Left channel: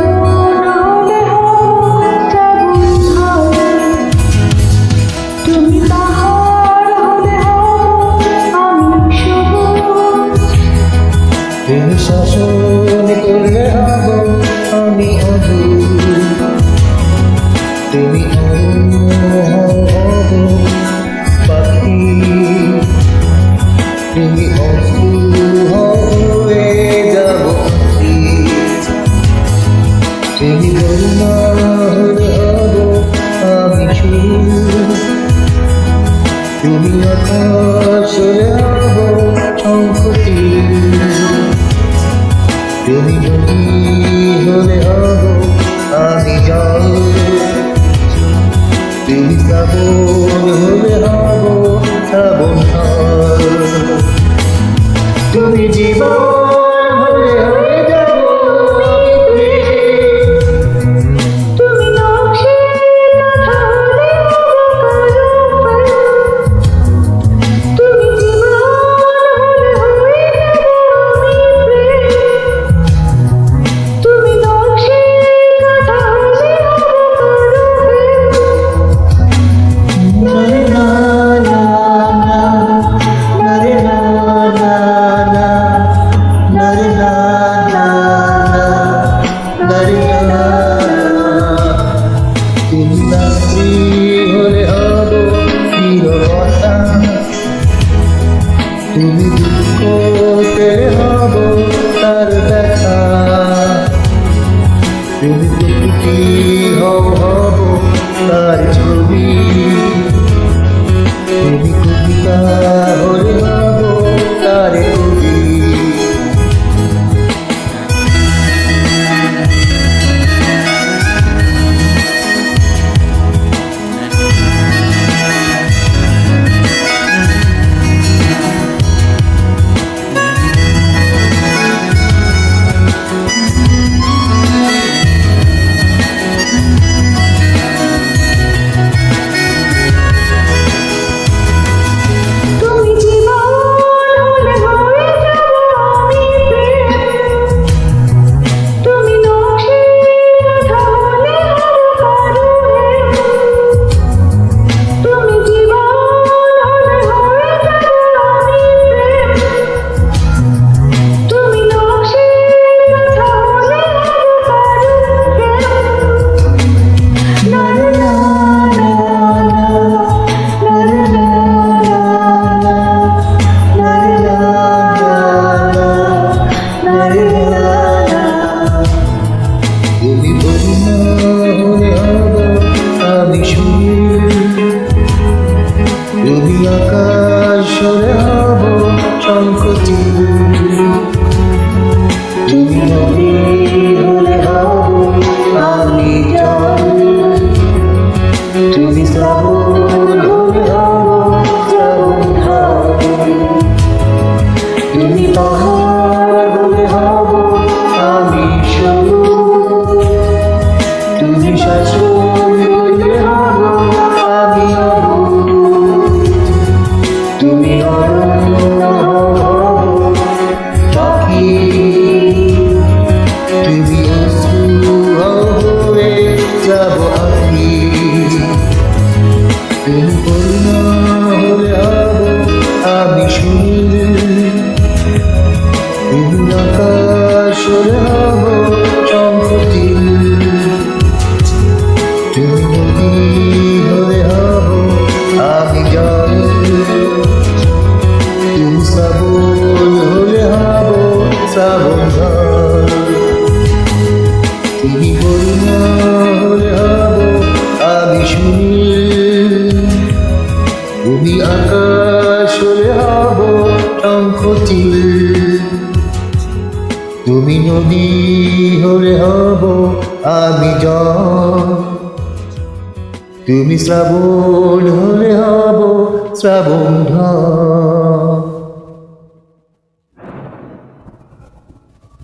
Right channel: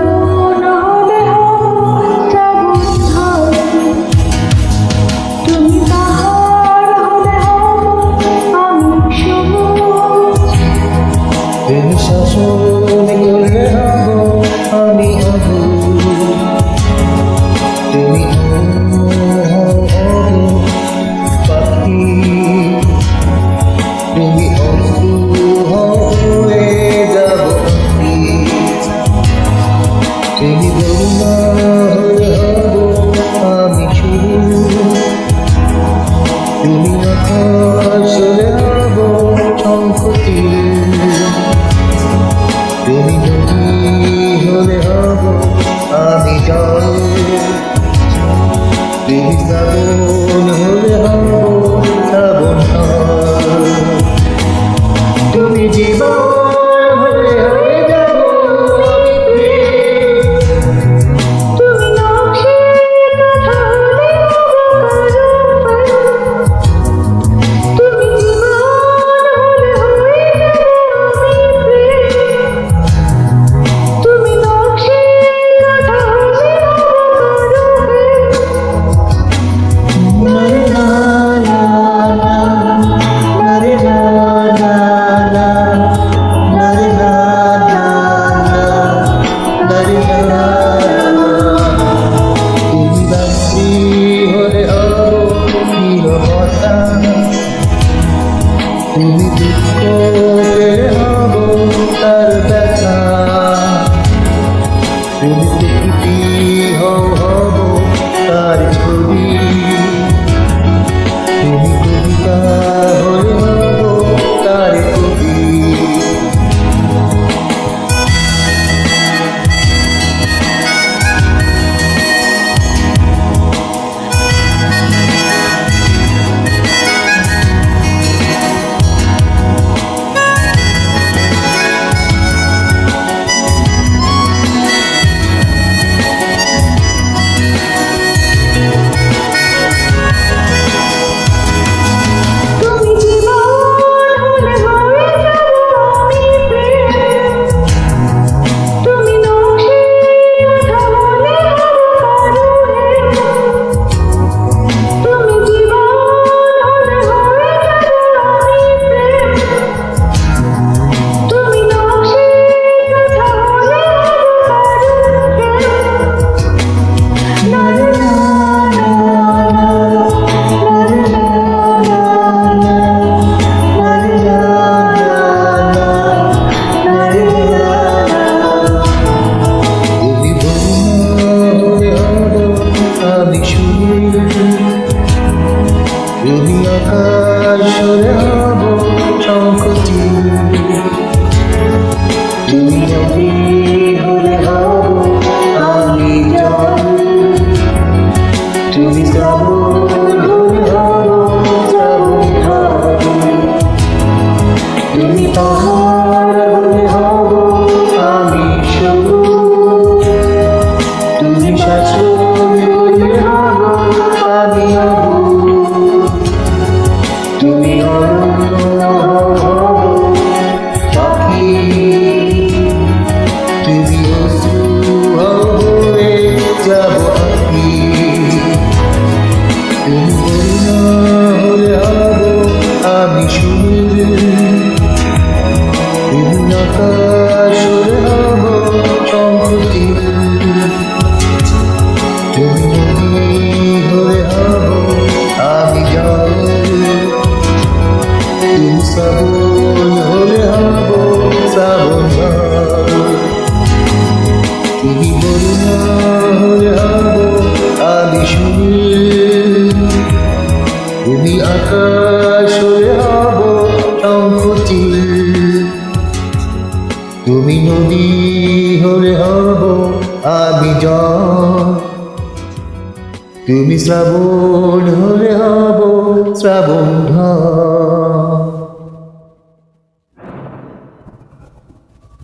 শ্রাবণ হলে হব শ্রাবণ ঝড়, তুমি পাহাড় হলে হব আমি সবুজ। তুমি শাসন করলে হব আমি অবুঝ, তুমি হব পাখি, তুমি অশ্রু হয়ে যাব আঁখি। তুমি বন্যা হলে হব আমি সুর, তুমি আকাশ হলে হব শঙ্খটি, তুমি নদী হলে হব আমি জল, তুমি শ্রাবণ হলে হব শ্রাবণ ঝড়। তুমি জীবন হলে হয়ে যাব আমি প্রেম, তুমি নকশির কাঁথা হলে হব কারুফল, তুমি জীবন হলে হয়ে যাব আমি প্রেম, তুমি নকশির কাঁথা হলে হব কারুফল। না রে না না না, না রে না না না, না রে না না না, না রে না না। তুমি রাত্রি হলে হব নীরবতা, তুমি দুঃখ পেলে হব তার ব্যথা, তুমি প্রকৃতি হব তার ছবি, তুমি কবিতা হলে হব তার কবি। তুমি জীবন হলে হয়ে যাব আমি প্রেম, তুমি নকশির কাঁথা হলে হব কারুহেম, তুমি জীবন হলে হয়ে যাব আমি প্রেম, তুমি নকশির কাঁথা হলে হব কারুহেম। না রে না না না, না রে না না না, না রে না না না, না রে না না। তুমি বন্যা হলে হব আমি সুর, তুমি আকাশ হলে হব শঙ্খটি, তুমি নদী হলে হব আমি জল, তুমি শ্রাবণ হলে হব শ্রাবণ ঝড়, তুমি পাহাড় হলে হব আমি সবুজ, তুমি শাসন করলে হব আমি অবুঝ, তুমি অরণ্য হব পাখি, তুমি অশ্রু হয়ে যাব আঁখি, তুমি বন্যা হলে হব আমি সুর, তুমি আকাশ হলে হব শঙ্খটি, তুমি নদী হলে হব আমি জল, তুমি শ্রাবণ হলে হব শ্রাবণ ঝড়, তুমি বন্যা হলে হব আমি সুনীল, তুমি আকাশ হলে হব শঙ্খটি, তুমি নদী হলে হব আমি জল, তুমি শ্রাবণ হলে হব শ্রাবণ ঝড়।